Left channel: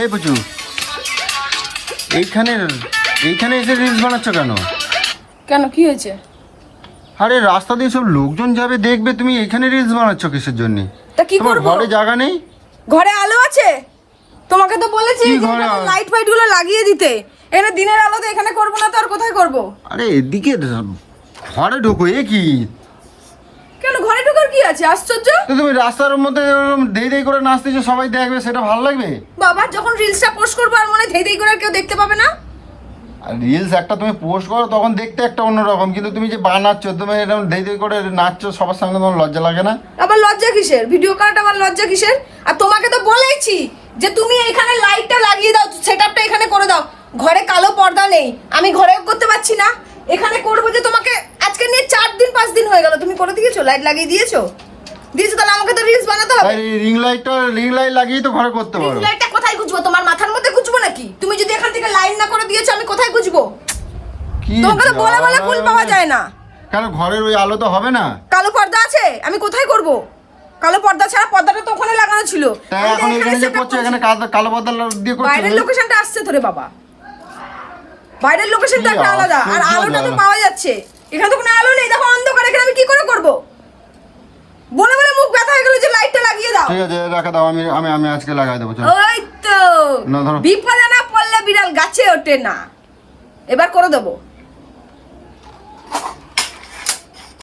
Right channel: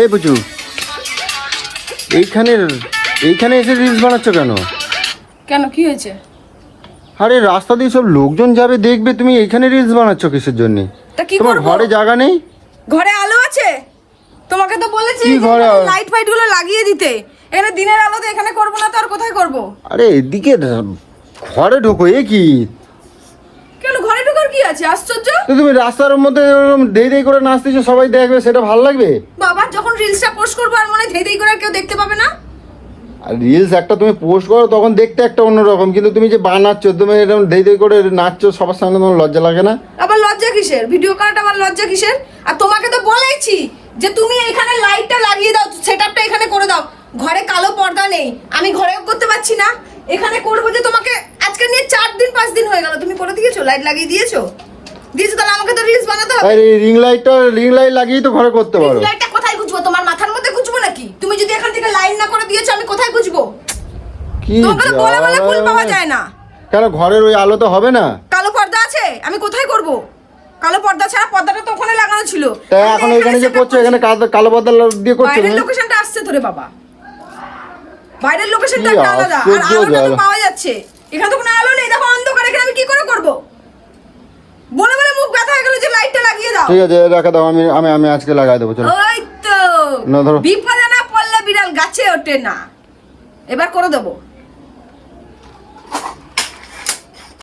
এই বুঝু এইখানে এইখানে এসে রিলস বানাচ্ছ কেন? কেন কি হয়েছে? আরে রাস্তা দিয়ে সব লোকজন যাবে দেখবে তুমি এইখানে রিলস বানাচ্ছ কিসের জন্য? তা কি করব? ঘরে জায়গা নেই? ঘরে আলো আছে? তোমাকে তো বলেছি? লাইট ফাইটগুলো লাগিয়ে দিতে। এখানে দিনের আলোতে এখানে করব না তো আর কোথায় করব? আরে এদিকে ঘরে ঢোকো এ কি? আছে আশ্চর্য? তুমি রাস্তার মধ্যে দেই দেই করে নাচতেছো সবাই দেখবে সেটা ভালো লাগবে? বাবা যখন রিলসটা পোস্ট করব আর মনে ধেই ধেই করে কেউ দেখতে পাবে না? রিলস একটা তুমি পোস্ট করো তখন দেখতে একটা অন্যরকম কিন্তু তুমি যে বানাচ্ছ তুমি এরকম দেই দেই করে নাচছো সবার সামনে তোমার লজ্জা লাগে না? আবার লজ্জা কিসের? ভিডিও কার্ড আবার লজ্জা কিসের? আর তোমাকে তো বলেইছি যে তুমি এখানে লাইটটা লাগিয়ে দাও সেটআপটা এখানে করে দাও। ঘরে কালো পর্দা নেই আমি ঘরেও করতে পারছি না। এখানে করব যে তোমাকে আজকে নিয়ে চার দিন পাঁচ দিন হয়ে গেল। তুমি করে দিয়েছ? লাইট লাগিয়ে দিয়েছ? দিয়েছ তাহলে আমাকে তো রিলস বানাতে হবে। রিং লাইটটা রিং লাইট লাগিয়ে তো ঘরে করতে পারো লাইটটা কোথায় গুজবো তোমার মাথার মধ্যে গুজবো নাকি? তুমি যদি এখান থেকে লাইন না করে দিয়েছ আমি কোথায় গুজবো কি তোমাকে বলে বলে ফুল পাওয়া যায় না। কেন ঘরের ওই আলো তো হবে না। কালো পর্দা আছে? আমি কোথায় করব? কালো পর্দা ছাড়া পর্দাটা তো ওখানে লাগানো ছিল। এখন এখানে যে করছ এখানে কালো- পর্দা দিয়ে করছ বাইরের লোকেশনটা আসছে তোরে বাবা। বাইরের লোকেশনটা একটা আলাদা আর আলোটা তো পাওয়া যাচ্ছে। এখানে তো কোনো আলো নেই দেখো অন্ধকার এখানে আমি কি করে করব? বলে বলে মুখ ব্যথা হয়ে গেল যে লাইটটা লাগিয়ে দাও। ঠিক আছে রাখা দাও আমি আমি আমি আজকে লাগাই দেবো চলো। ওই তো। না, ধরো। বিপদে না পড়লে বিড়াল গাছে ওঠে না। এবার করে দেবো।